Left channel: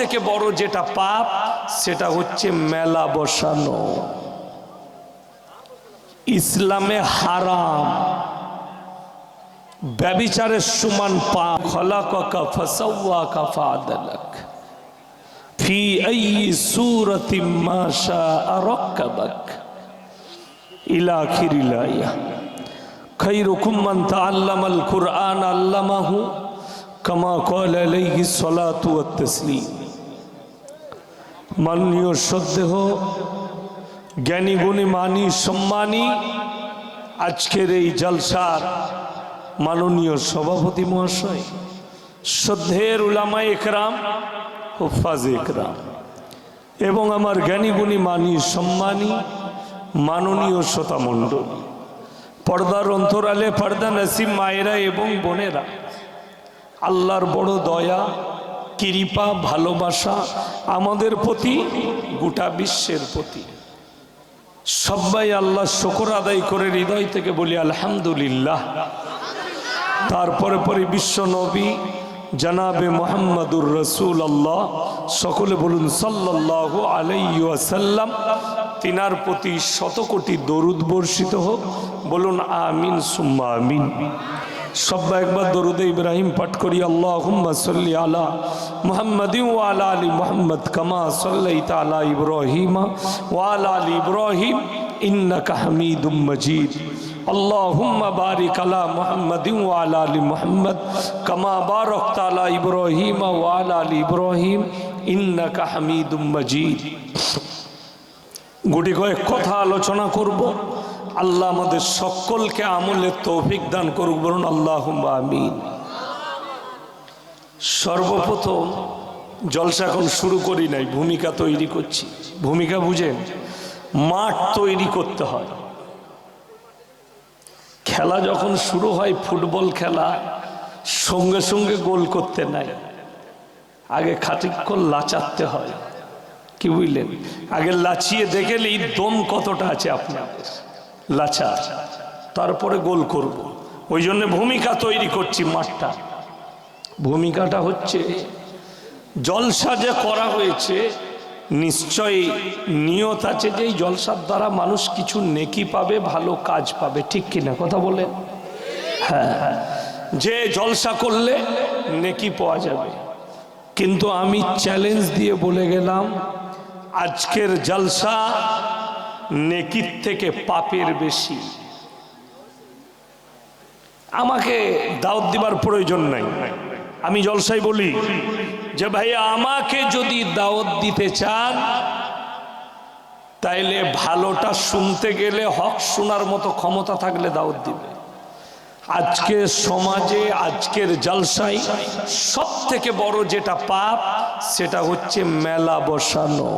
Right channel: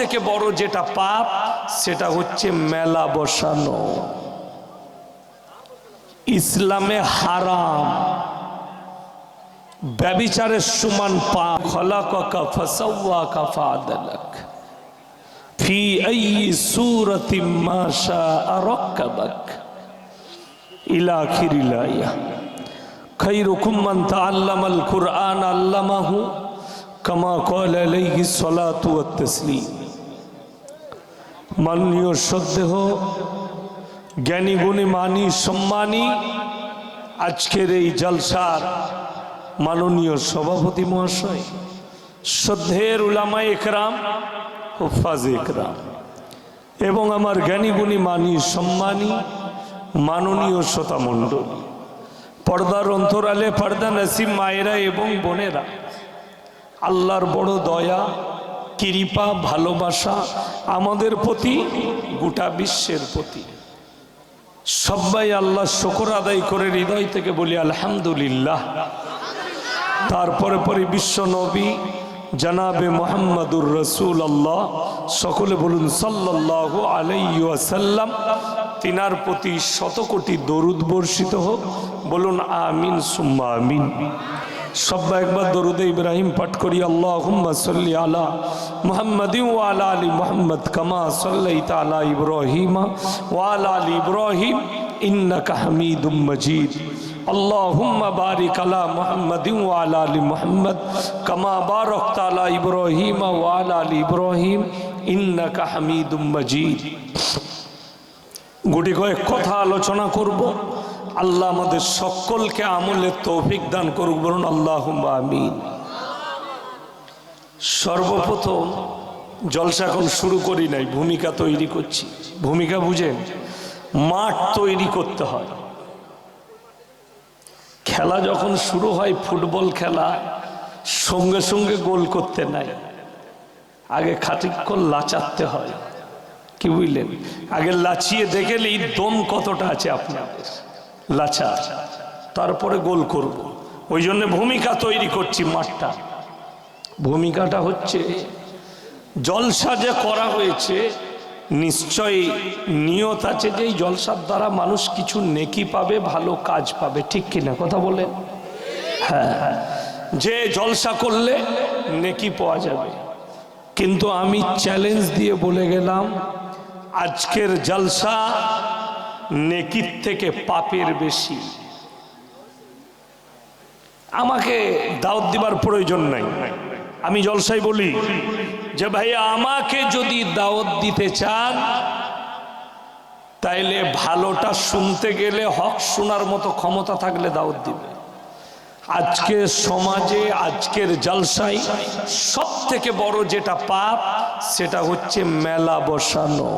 থেকে বড় যেটা পাপ সেটা হচ্ছে মেলা বসানো। ইসলামে হারাম, ব্যভিচারের সমান পাপ। খলাকাকা ফাসাওয়াকা ফাআদালাক ফি আইয়ি সূরাতিন মা শাআ রাক্কাবাক ইলা আখিরিল আয়া। খায়রুকুম মান তাআল্লামাল কুরআন আল্লামাহু কামা ক্বালা আলাইহিস সালাতু ওয়াত তাসলিম। মাননীয় শ্রদ্ধেয় জ্ঞানী গুণী মানী সম্মানী আজকের এই জলসার মাননীয় সভাপতি মহাশয়, শ্রদ্ধের উলামা একরাম, হুফাজ একরাম এবং আমার জ্ঞানী গুণী মানী সম্মানী মাননীয় শ্রোতা মণ্ডলী, পর্দার অন্তরালে পর্দা নসিব মায়েরা এবং বোনেরা, আল্লাহর বড় দয়া কৃপা ভালোবাসা আমাদের প্রতি, গোটা বিশ্বের প্রতি। সবাই আল্লাহ শুকর আদায় করে হৃদয় থেকে বলি আলহামদুলিল্লাহ। তারপরে পরে বিশ্ব নবী জনাবে মুহাম্মদুর রাসূলুল্লাহ, সকলে বলুন সাল্লাল্লাহু আলাইহি ওয়াসাল্লাম। তিনার প্রতি শত কোটি দরুদ বর্ষিত হোক, বলুন আমিন সুম্মা আমিন। সবাই একবার দরুদে ইব্রাহিম পাঠ করি। আল্লাহুম্মা সাল্লি আলা মুহাম্মাদিন ওয়া আলা আলি মুহাম্মদ কামা সাল্লাইতা আলা ইব্রাহিম ওয়া আলা আলি ইব্রাহিম ইন্নাকা হামিদুম মাজিদ। আল্লাহুম্মা বারিক আলা মুহাম্মাদিন ওয়া আলা আলি মুহাম্মদ কামা বারাকতা আলা ইব্রাহিম ওয়া আলা আলি ইব্রাহিম ইন্নাকা হামিদুম মাজিদ। গুটি কয়েক কথা আলোচনা করব। আল্লাহ আমাদের সকলকে আমলের তৌফিক দান করুক, বলুন আল্লাহুম্মা আমিন। সর্বপ্রথম জলসা এখন শুরু করি নাই, ভূমিকা তৈরি করছি। ভূমিকা বুঝেন? মাঠ তৈরি করতে হয়। খেলা যখন শুরু হয়, ফুটবল খেলা, সঙ্গে সঙ্গে গোল করতে নাই, আগে খানিকক্ষণ লাচাতে হয়। কি বুঝলেন? আগে লাচিয়ে দেখেলেই দম কতটা আছে আপনাদের, লাচা, তারপরে গোল করব। ওই জন্য ভূমিকা তৈরি করছি মাঠটা। ভূমিকাটা হচ্ছে, জলসা যে করা হয়েছে নিশ্চয়ই নিয়ত আছে যে এই জলসার দ্বারা মানুষ কিছু নেকি পাবে, ভালো কাজ পাবে, ঠিক কিনা কথা বলেন? হ্যাঁ, যে জলসা করলে নেকি পাওয়া যাবে। কিন্তু আমি চ্যালেঞ্জ দিয়ে বলে গেলাম, আজকের জলসা নেকির থেকে পাপের বেশি। আমাকে দাওয়াত দিবার প্রয়োজন নাই। আমি জলসায় বলি যে ভাই, আমাকে যদি দাওয়াত দিতে চান তাইলে ভালোটা শুনতে গেলে হক শোনার মতো ক্ষমতা থাকলে দাওয়াত দিবে। আজকের সমাজে, আজকের জলসায় সব থেকে বড় যেটা পাপ সেটা হচ্ছে মেলা বসানো।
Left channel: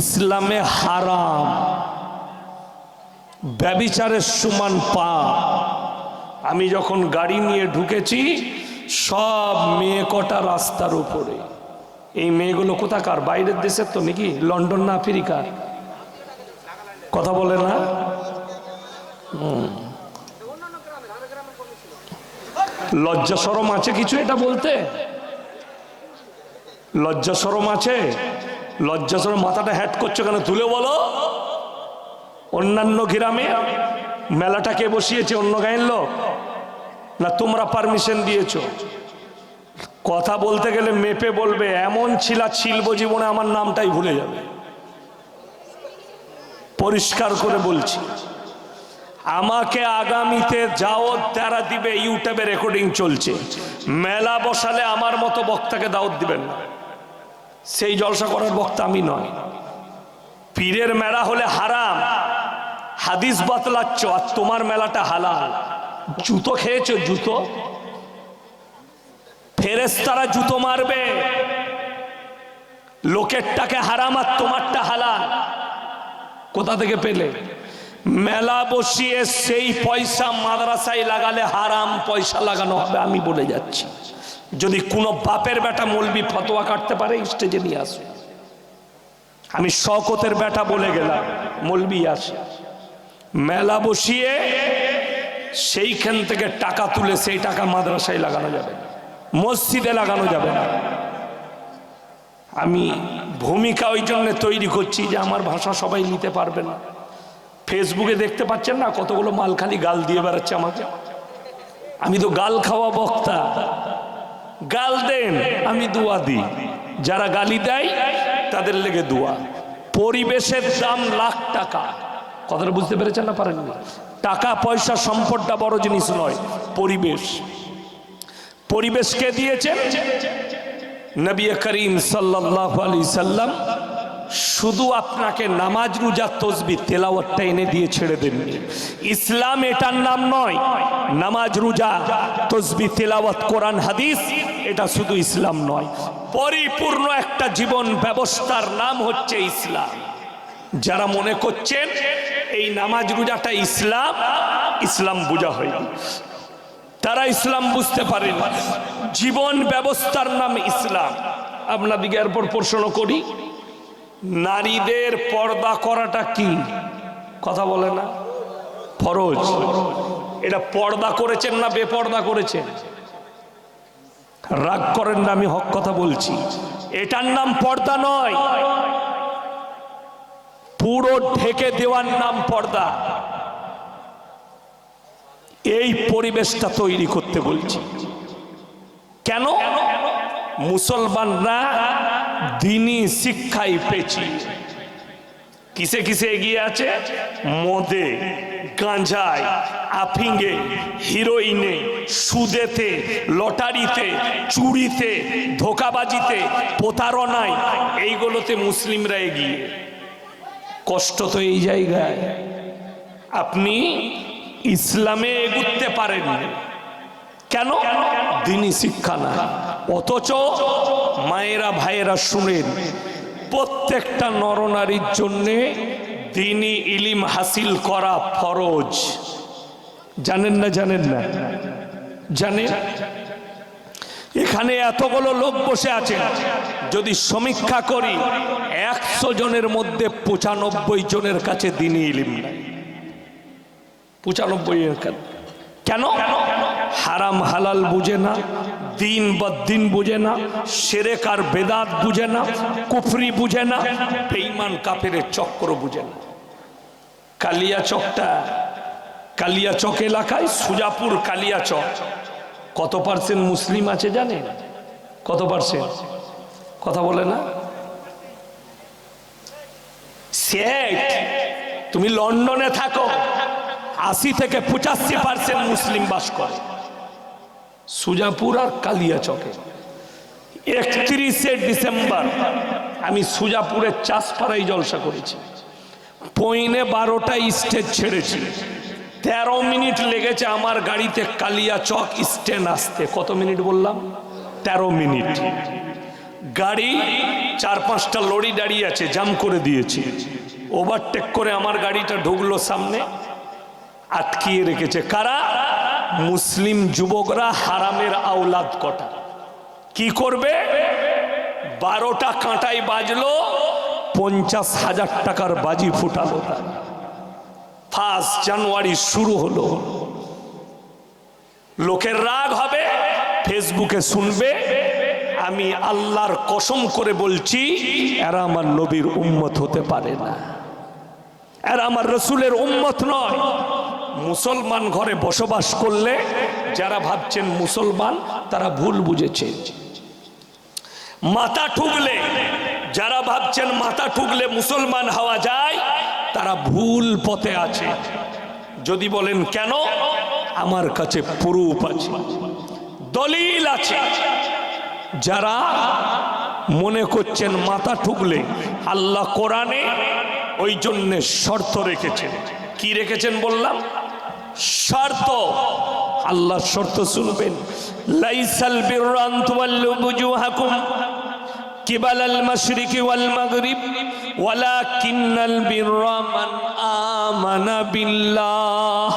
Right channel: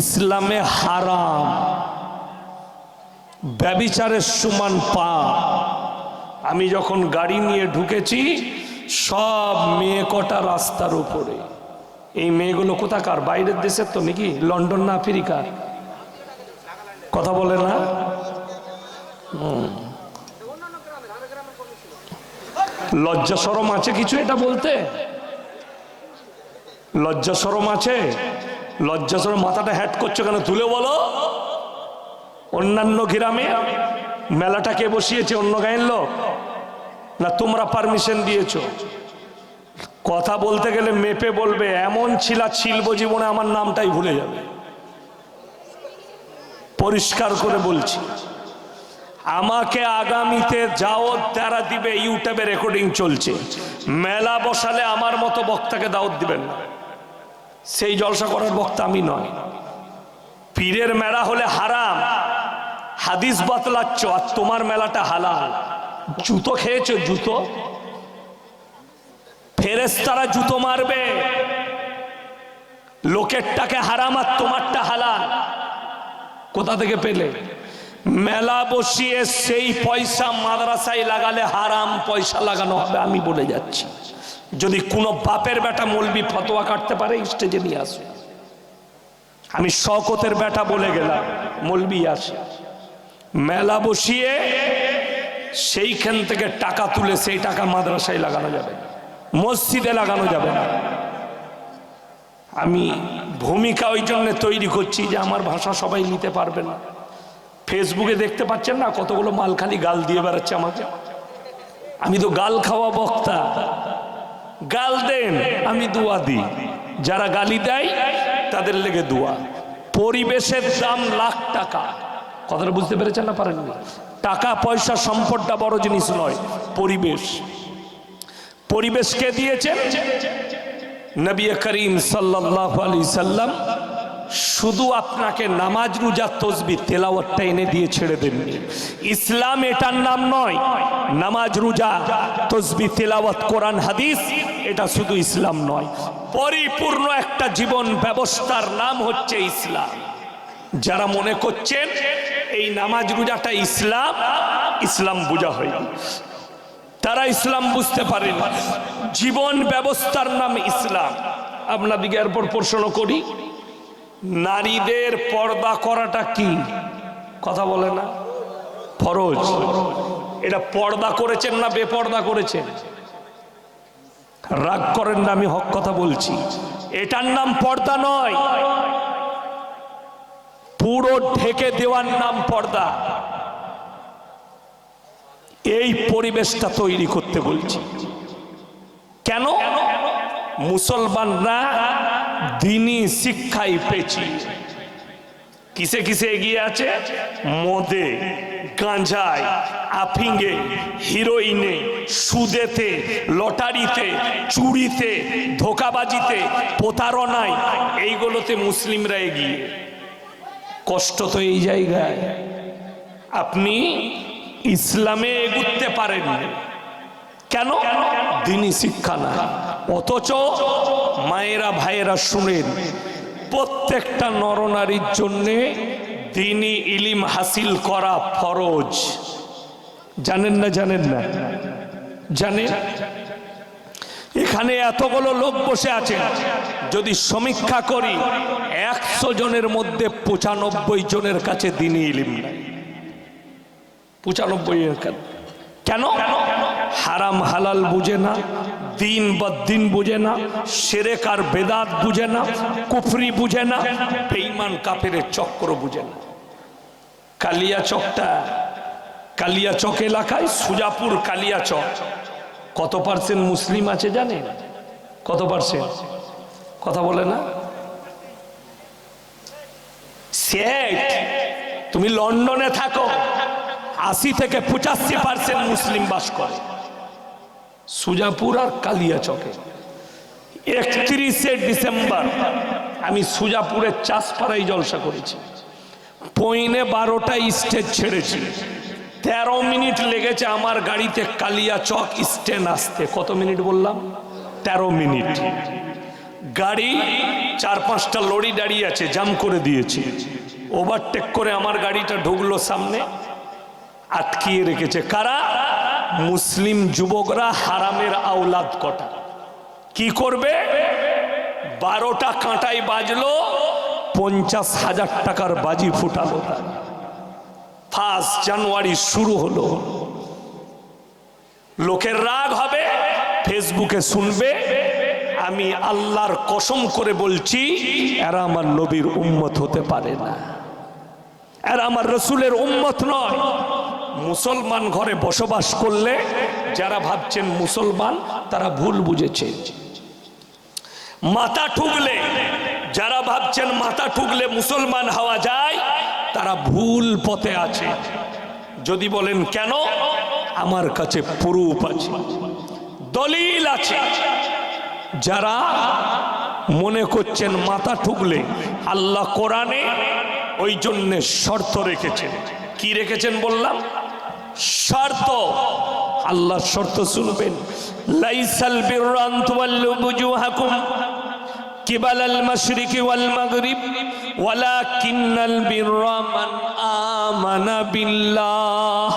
ইসলামে হারাম, ব্যভিচারের সমান পাপ। আমি যখন গাড়ি নিয়ে ঢুকেছি, সব মেয়ে কটা রাস্তার উপরে। এই মেয়েগুলো কোথাকার? বাইরের দেশের তো নাকি? লন্ডন না আফ্রিকার? কথা বলে না? লজ্জা শরম আছে কিছু এটা বলতে? লজ্জা শরম আছে? লজ্জা শরম মাথাটা হ্যাট করছো কেন? তুলে বলো। অন্যান্য গ্রামে মেলাটা কে বসিয়েছে? অন্য গায়ের লোক না তোমরা পারমিশন দিয়েছো? কথা বলতে গেলে মেপে বলবে, এমন ছিলা ছিলব জীবনে আমার নামটাই ভুলে যাবে। পরিষ্কার করে বলছি, আমাকে আগামীতে দাওয়াত যারা দিবে, ইউটিউবে রেকর্ডিং চলছে, মেলা বসালে আমার মতো বক্তাকে দাওয়াত দিবেন না। সেই জলসা করার বক্তা আমি নয়। পীরের মেলা হলে হারাম, হাদিস বাতলাচ্ছ, আর তোমার মেলাটা হালাল। জুতো খেয়েছো? জুতো ফেরেশতারা জুতো মারবে। লোকেরটাকে হারাম আর তোমারটা হালাল। কোথা থেকে পেলে? মেলা বসিয়ে সেই পয়সা মাদ্রাসায় লাগালে হারাম পয়সা লাগানো হবে, আমি বলে যাচ্ছি। যদি কোনো বাপের বেটা মৌলবি ফতোয়া কাটতে পারে, স্টেজে নিয়ে আসে। আমি শওকতের বেটা বলে গেলাম, মৌলবি আসে। মেলা বসিয়ে সেইখান থেকে টাকা তুলে সেই টাকা মাদ্রাসায় লাগানো যাবে। মসজিদে লাগানো যাবে না। আমি ভূমিকা ওই জন্য তৈরি করছি যে আমার ভাষা সবাই নিতে পারবে না। ফেসবুকে দেখতে পাচ্ছেন না কতগুলো মাল খালি গাল দিয়ে বেড়াচ্ছে আমাকে। আমি তো গাল খাওয়া বক্তা, গাল দেন আমি দোয়া দিই, যারা গালি দেয় তাদের লেগে দোয়া। পরিবেশের দাম লাখ টাকা, কথাটা বুঝতে পেরেছেন না পারেননি? টাকা পয়সা সম্পদটা বড় জিনিস নয়, পরিবেশ। পরিবেশকে দিয়েছেন নবী করিম সাল্লাল্লাহু আলাইহি সাল্লাম। শুধু আপনাকে নামাজ রোজা তসবিহ তেলাওয়াতটা এনে দিয়ে ছেড়ে দেননি। ইসলাম এটার নাম নয়। নামাজ রোজা তসবিহ তেলাওয়াত কোরআন হাদিস এটা শুধু ইসলাম নয়, পরিপূর্ণ একটা জীবন ব্যবস্থার নাম হচ্ছে ইসলাম। যারা মনে করছেন এই নামাজ রোজাটা ইসলাম, ইসলাম বোঝা হয়নি, তারা ইসলাম বুঝতে পারেন। জীবন ব্যবস্থার নাম ইসলাম। আপনাদিকে এরপর প্রশ্ন করি, নারীদের পর্দা করাটা কি? কথা বলে না, ফরজ। এটা পর্দা করেছেন না বেপর্দা করেছেন? রাগ করেন না, আমি হক কথা বলছি। এটার নাম পর্দা নয়, পুরো ঢেকে দেওয়ার নাম পর্দা। এই পরিবেশটা তৈরি করতে বলছি। কেন? মুসলমানরা দ্বীনি শিক্ষায় পেয়েছি। কিসে কিসে এগিয়ে আছে? মদে, গাঁজায়, আফিংয়ে, হিরোইনে, সুদেতে, লটারিতে, চুরিতে, ধোকাবাজিতে, প্রতারণায়, এইগুলোতে মুসলিমরা এগিয়ে। কষ্ট তো এই জায়গায়, আপনি ইসলামে এগুতে পারেন কেন? দ্বীনি শিক্ষা না। অথচ মায়েরা ভাইয়েরা শুনেন, প্রত্যেকটা নরনারীর জন্যে দ্বীনি ইলম হাসিল করা ফরজ। জানেন না? জানেন না? জানেন? এখানে এতগুলো লোক বসে আছেন, যদি সমীক্ষা করি 100 জনের মধ্যে 95 জনের কাছে দ্বীনি ইলম নাই। 95 এর কাছে। কেন? হারাম হালাল বুঝে না, দিন বা দিন বুঝে না, শিরক আর বেদাত বুঝে না, কুফরি বুঝে না, বেঈমান কাফেরের চক্র বুঝে না। কালিয়াচকটা, কালিয়াচক এলাকায় সুজাপুর কালিয়াচক কত পার্সেন্ট মুসলিম আছে জানেন? কত পার্সেন্ট? কথা বলে না? সেট তুমি লন্ডনে থাকো, 80 থেকে 85% মুসলিম বাস করে সুজাপুর আর কালিয়াচকে। 31শে ডিসেম্বর আমি সুজাপুরের চাষপাড়ায় জলসা করেছি। 11:15 স্টেজ ছেড়েছি, 13 মিনিট লেগেছে আমার গাড়িতে কালিয়াচক স্ট্যান্ড আসতে। কত মিনিট বললাম? 13 মিনিট। গাড়ি 4-5টা লরি দাঁড়িয়ে আছে, জাম করে দিয়েছে। ওভারটেক করে আমার গাড়িটা ঢুকলো সামনে, আটকিয়ে রেখেছে। কারা? মুসলিম যুবকরা, হারামের আওলাদ কটা। কি করবে? 12টা কাঁটাই বাজলো, 50,000 টাকার বাজি ফুটালো। 1 জানুয়ারি শুরু হলো। লোকের রাগ হবে, ফেসবুকে শুনবে। আমি আল্লাহর কসম করে বলছি, এরা আমার নবীর উম্মত হতে পারে না, এরা আমার রসুলের উম্মত নয়। মুসলমান ঘরে বসবাস করলে যারা ভাবছেন মুসলমান, তারা ভুল বুঝেছে। মাথা ঠুকলে, যারা ভাবছেন মাথা ঠুকলে মুসলমান হওয়া যায়, তারা ভুল পথে আছে। যদি বলেন কেন, আমার কাছে প্রুফ আছে, দলিল আছে। যারা মনে করছেন মাথা ঠুকলে, আল্লাহ কোরআনে ওই জন্য শর্ত রেখেছেন। কি রেখেছেন বললাম? শর্ত। আল্লাহ শর্ত শুনবেন। লাইসাল বিররা আন তুওয়াল্লু বুজুহাকুম কিবালাল মাশরিকি ওয়াল মাগরিব ওয়ালাকিন্নাল বিররা মান আমানা বিল্লাহ।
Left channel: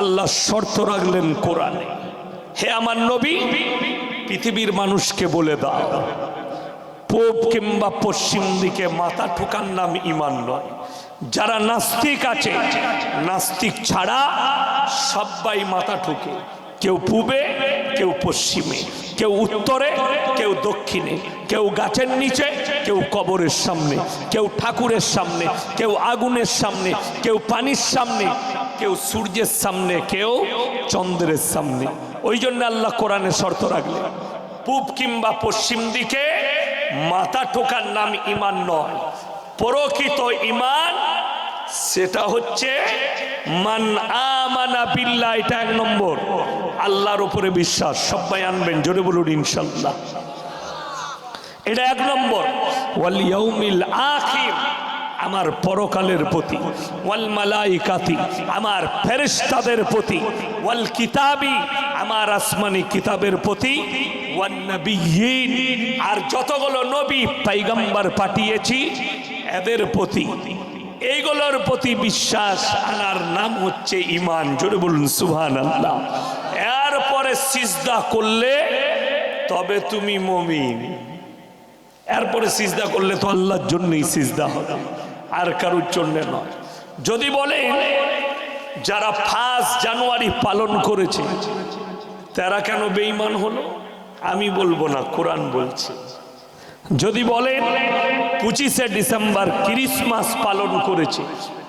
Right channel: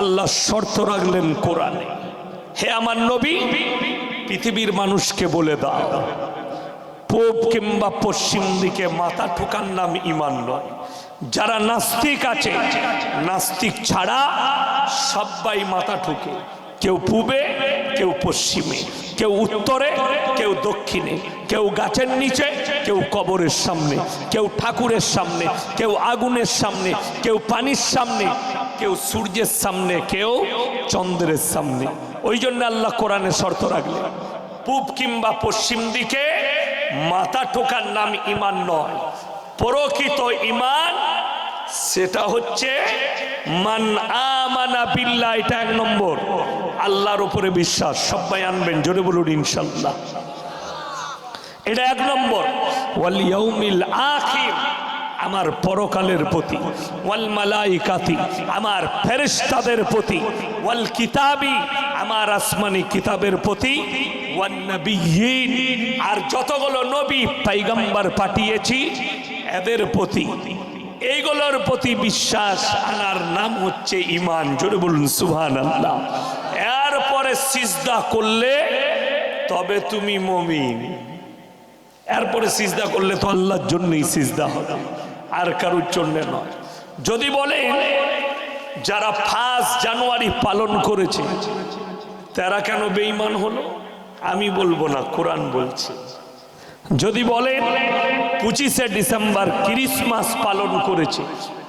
আল্লাহ শর্ত রাখলেন কোরআনে, হে আমার নবী, পৃথিবীর মানুষকে বলে দাও, পূব কিংবা পশ্চিম দিকে মাথা ঠুকার নাম ঈমান নয়। যারা নাস্তিক আছে, নাস্তিক ছাড়া সবাই মাথা ঠুকে। কেউ পূবে, কেউ পশ্চিমে, কেউ উত্তরে, কেউ দক্ষিণে, কেউ গাছের নিচে, কেউ কবরের সামনে, কেউ ঠাকুরের সামনে, কেউ আগুনের সামনে, কেউ পানির সামনে, কেউ সূর্যের সামনে, কেউ চন্দ্রের সামনে। ওই জন্য আল্লাহ কোরআনে শর্ত রাখলেন, পূব কিংবা পশ্চিম দিকে মাথা ঠোকার নাম ঈমান নয়। প্রকৃত ঈমান সেটা হচ্ছে মান আমানা বিল্লাহ, এটা 1 নম্বর, আল্লাহর উপরে বিশ্বাস। সবাই আনবেন, জোরে বলুন ইনশাআল্লাহ। এটা 1 নম্বর। ওয়াল ইয়াউমিল আখির, আমার পরকালের প্রতি, ওয়াল মালাইকাতি, আমার ফেরেশতাদের প্রতি, ওয়াল কিতাবি, আমার আসমানি কিতাবের প্রতি, ওয়ান নবিয়্যিন, আর যতগুলো নবী পয়গম্বর পাঠিয়েছি এদের প্রতি, এইগুলোর প্রতি বিশ্বাস আনার নাম হচ্ছে ঈমান। জোরে বলুন সুবহানাল্লাহ। এরপরে সিজদা করলে তবে তুমি মুমিন। এরপরে সিজদা করলে তো আল্লাহর জন্যই সিজদা হবে, আর কারোর জন্য নয়। যদি বলেন যারা 5 জানুয়ারি পালন করেছে তারা কেন বেঈমান হলো, আমি বলবো না, কোরআন বলছে। যদি বলেন 25শে ডিসেম্বর ক্রিসমাস পালন করেছে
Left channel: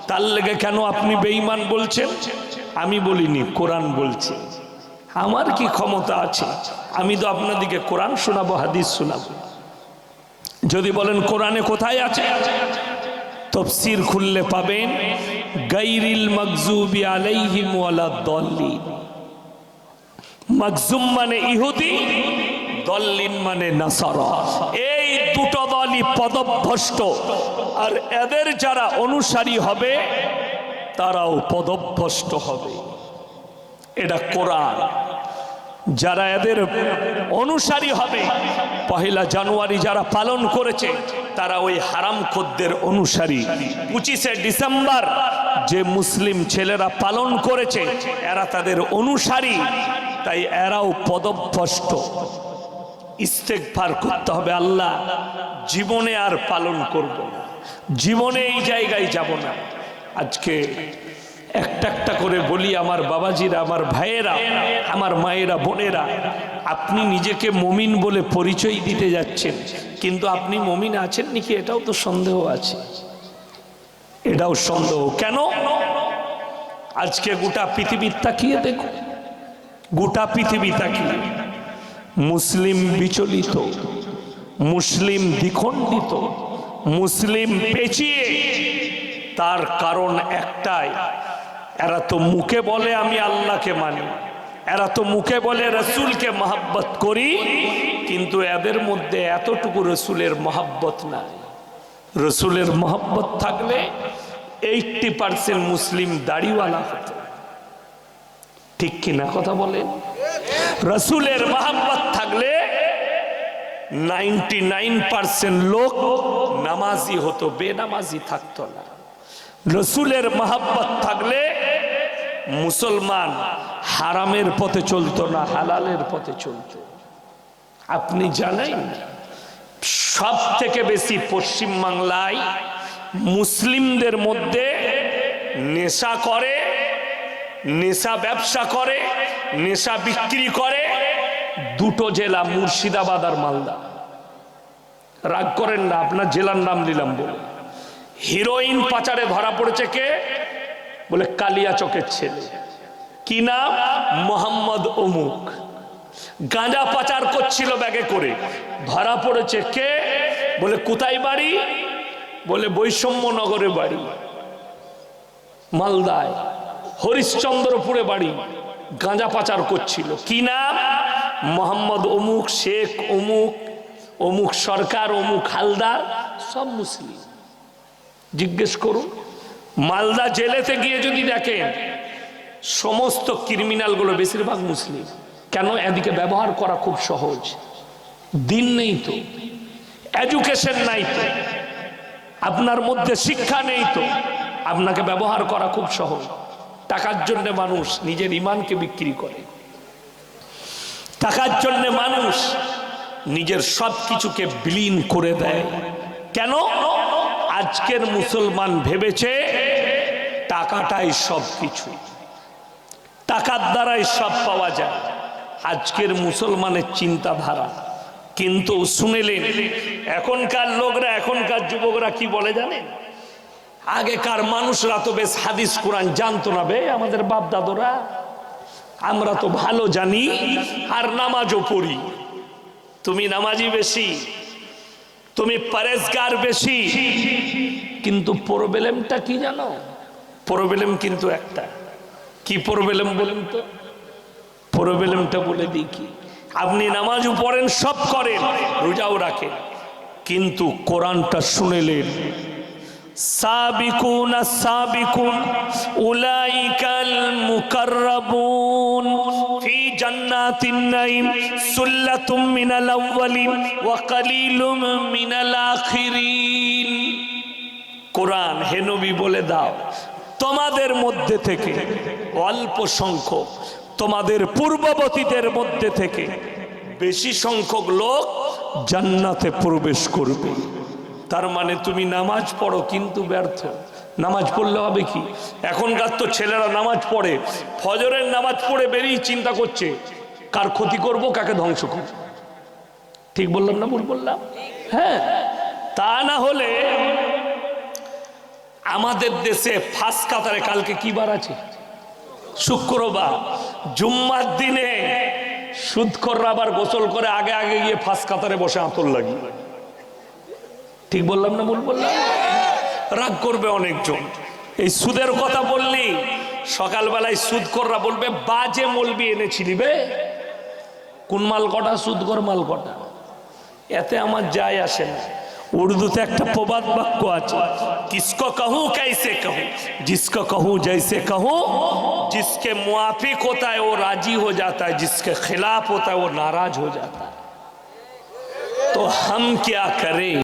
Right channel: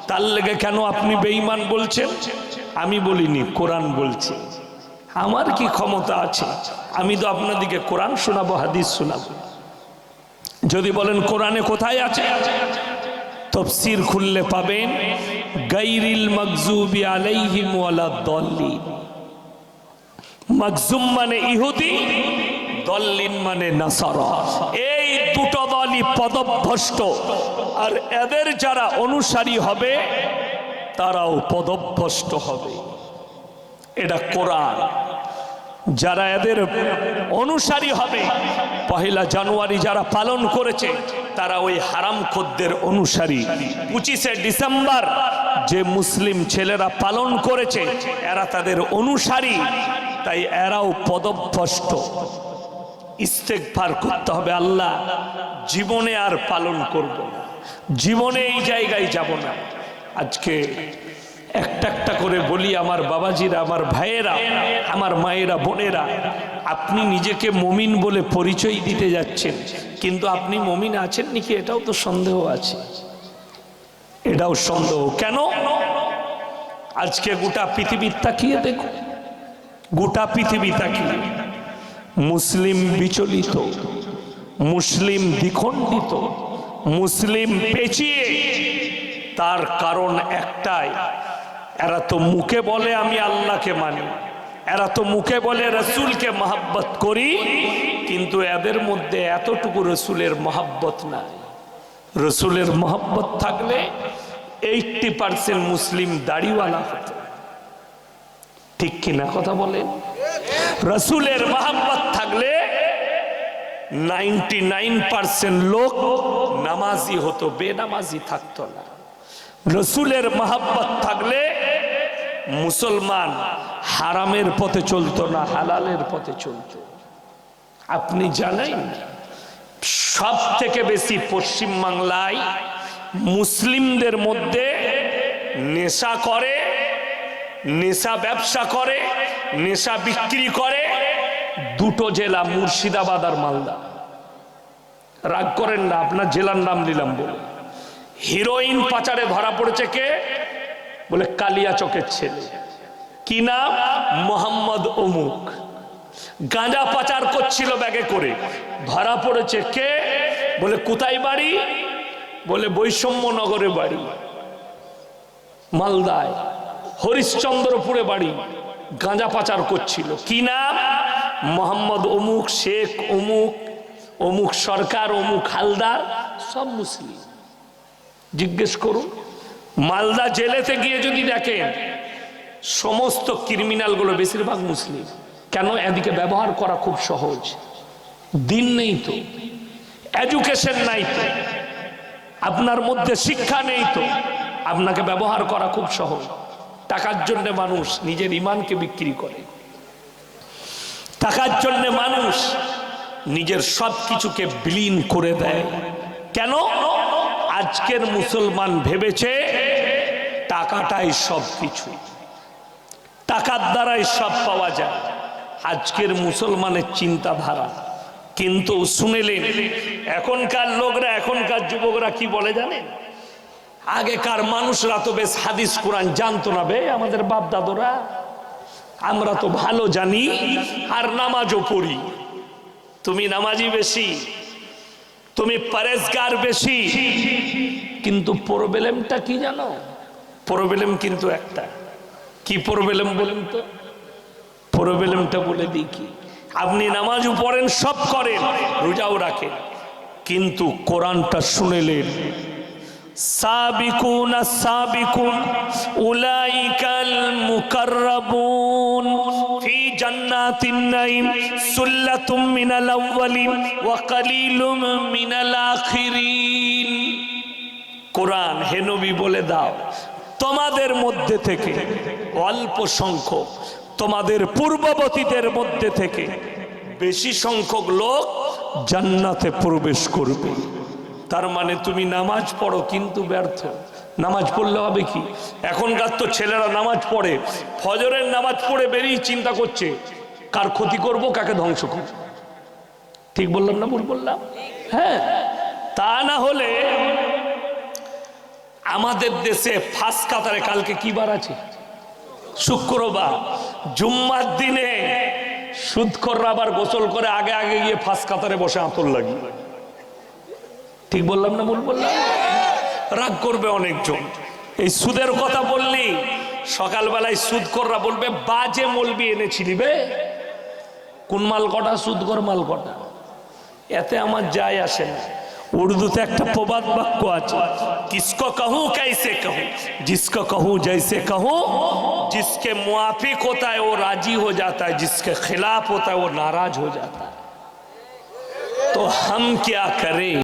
তার লেগে কেন আপনি বেঈমান বলছেন, আমি বলিনি, কোরআন বলছে। আমার কি ক্ষমতা আছে, আমি তো আপনাদেরকে কোরআন শোনাবো, হাদিস শোনাবো। যদি বলেন কোরআনে কোথায় আছে, তাফসীর খুললে পাবেন গায়রিল মাগযুবি আলাইহিম ওয়ালাদ-দাল্লিন। মাগযুম মানে ইহুদি, দল্লিন মানে নাসারা। এই দুটো দলই পদভ্রষ্ট, আর এদের যারা অনুসারী হবে তারাও পদভ্রষ্ট হবে। এটা কোরআন। যারা এদের অনুসারী হবে, 1 জানুয়ারি যারা পালন করেছে তারা ওই হারামখোরদের অনুসারী। 25শে ডিসেম্বর যে মুসলিম ছেলেরা পালন করেছে এরা তাদের অনুসারী, তাই এরাও পদভ্রষ্ট। ইস্তেগফার করতে হবে, আল্লাহ জীবনে আর পালন করব না, জীবনে এই জায়গায় যাব না। আজকে একটা একটা করে বলি, আমার বাবাজিরা, আমার ভাইয়েরা, আমার মায়েরা, বোনেরা, আপনি নিজেকে মুমিন বলে পরিচয় দিতে যাচ্ছেন, কিন্তু আপনি মুমিন আছেন নাকি এটাও তো সন্দেহ আছে। এটাও সন্দেহ। কেন? আজকে গোটা পৃথিবী তাকিয়ে দেখো, গোটা পৃথিবী তাকিয়ে মুসলিম বিচলিত, মুসলিম দ্বিখণ্ডিত, মুসলিম পেঁচিয়ে। তার কারণ একটাই, এরা তো মুখে বলে আমি আল্লাহকে মানি, এরা তো মুখে বলে রসুলকে মহব্বত করি, কিন্তু এদের মধ্যে এতটুকু রসুলের মহব্বত নাই। রসুলের মহব্বত থাকলে 80% মুসলিম দাড়িওয়ালা হতো। ঠিক কিনা কথা বলেন? রসুলের মহব্বত থাকলে 99% লোক নামাজি হতো, বেনামাজি থাকতো না। রসুলের মহব্বত থাকলে মুসলমান হারামের পথে চলতো না, হালালের পথে চলতো। আপনি জানেন সব থেকে বেশি পশ্চিম বাংলায় মুসলিমদের মধ্যে নেশা করে, নেশা ব্যবসা করে, নেশা বিক্রি করে 2টো জেলা, মুর্শিদাবাদ আর মালদা। রাগ করেন না, আপনার জেলার নাম নিলাম বলে। হিরোইন পাচারে ধরা পড়েছে কে? বলে কালিয়াচকের ছেলে। কি নাম? মোহাম্মদ অমুক। গাঁজা পাচার করছিল ব্যাগে করে, ধরা পড়েছে কে? বলে কোথায় বাড়ি? বলে বৈষম্যনগরে বাড়ি, মালদায় হরিশ্চন্দ্রপুরে বাড়ি। গাঁজা পাচার করছিল। কি নাম? মোহাম্মদ অমুক, শেখ অমুক, অমুক সরকার, অমুক হালদার, সব মুসলিম। জিজ্ঞেস করুন, মালদা জেলেতে গিয়ে যদি দেখেন সমস্ত ক্রিমিনালগুলো বেশিরভাগ মুসলিম। কেন? এদিকে ব্যবহার করা খুব সহজ, দিন নেই তো, এডুকেশন নাই তো, আপনার মধ্যে শিক্ষা নেই তো, আপনাকে ব্যবহার করা খুব সহজ। টাকার জন্য মানুষ নিজের ইমানকে বিক্রি করে, টাকার জন্য মানুষ নিজের সব কিছুকে বিলীন করে দেয়। কেন? আজকের মুসলমান ভেবেছে টাকাটাই সব কিছু। টাকার দ্বারাই সব পাওয়া যায়, আজকের মুসলমানের চিন্তাধারা। কিন্তু শুনেলেন এখনকার লোকরা, এখনকার যুবকরা কি বলে জানেন? আগেকার মানুষরা তো বেশ হাদিস কোরআন জানতো না বে, আমাদের বাপ দাদুরা। আমরা তো ভালো জানি আর নামাজও পড়ি। তুমি নামাজি বেশি, তুমি পরেজগার বেশি, কিন্তু প্রবলেমটা কি জানো? প্রবলেম কিন্তু একটা। কি প্রবলেম বলেন তো? প্রবলেমটা বলে দিই কি, আপনি নামাজও পড়েন, সব করেন, রোজাও রাখেন, কিন্তু কোরআনটা শুনেলেন সাবিকুন সাবিকুন উলাইকাল মুকাররাবুন ফি জান্নাতিন নাঈম সুল্লাতুম মিনাল আউয়ালিন ওয়া কালিলুম মিনাল আখিরিন। কোরআন হে নবী বলে দাও, তোমাদের মধ্যে থেকে অল্প সংখ্যক, তোমাদের পূর্ববর্তীদের মধ্যে থেকে বেশি সংখ্যক লোক জান্নাতে প্রবেশ করবে। তার মানে তুমি নামাজ পড়ো কিন্তু ব্যর্থ। নামাজ পড়লে হবে কি? এখনকার তো ছেলেরা নামাজ পড়ে, ফজরের নামাজ পড়ে বেরিয়ে চিন্তা করছে কার ক্ষতি করব, কাকে ধ্বংস করব। ঠিক বললাম না ভুল বললাম? হ্যাঁ, তা না হলে আমাদের দেশে ফার্স্ট কাতারে কালকে কি বার আছে? শুক্রবার। জুম্মার দিনে সুদখোররা আবার গোসল করে আগে আগে গিয়ে ফার্স্ট কাতারে বসে আঁতর লাগিয়ে। ঠিক বললাম না ভুল বললাম? রাগ করবে অনেকজন এই সুদের কথা বললি। সকালবেলায় সুদখোররা বলবে বাজে মলবি এনেছিলি বে, কোন মাল কটা, সুদখোর মাল কটা। এতে আমার যায় আসে না। উর্দুতে একটা প্রবাদ বাক্য আছে, কিসকো कहूं कैसे कहूं, जिसको कहूं जैसे कहूं, जिसके मुआफिक होता है वो राजी हो जाता है, जिसके खिलाफ होता है वो नाराज हो जाता है। तो हम क्या करें?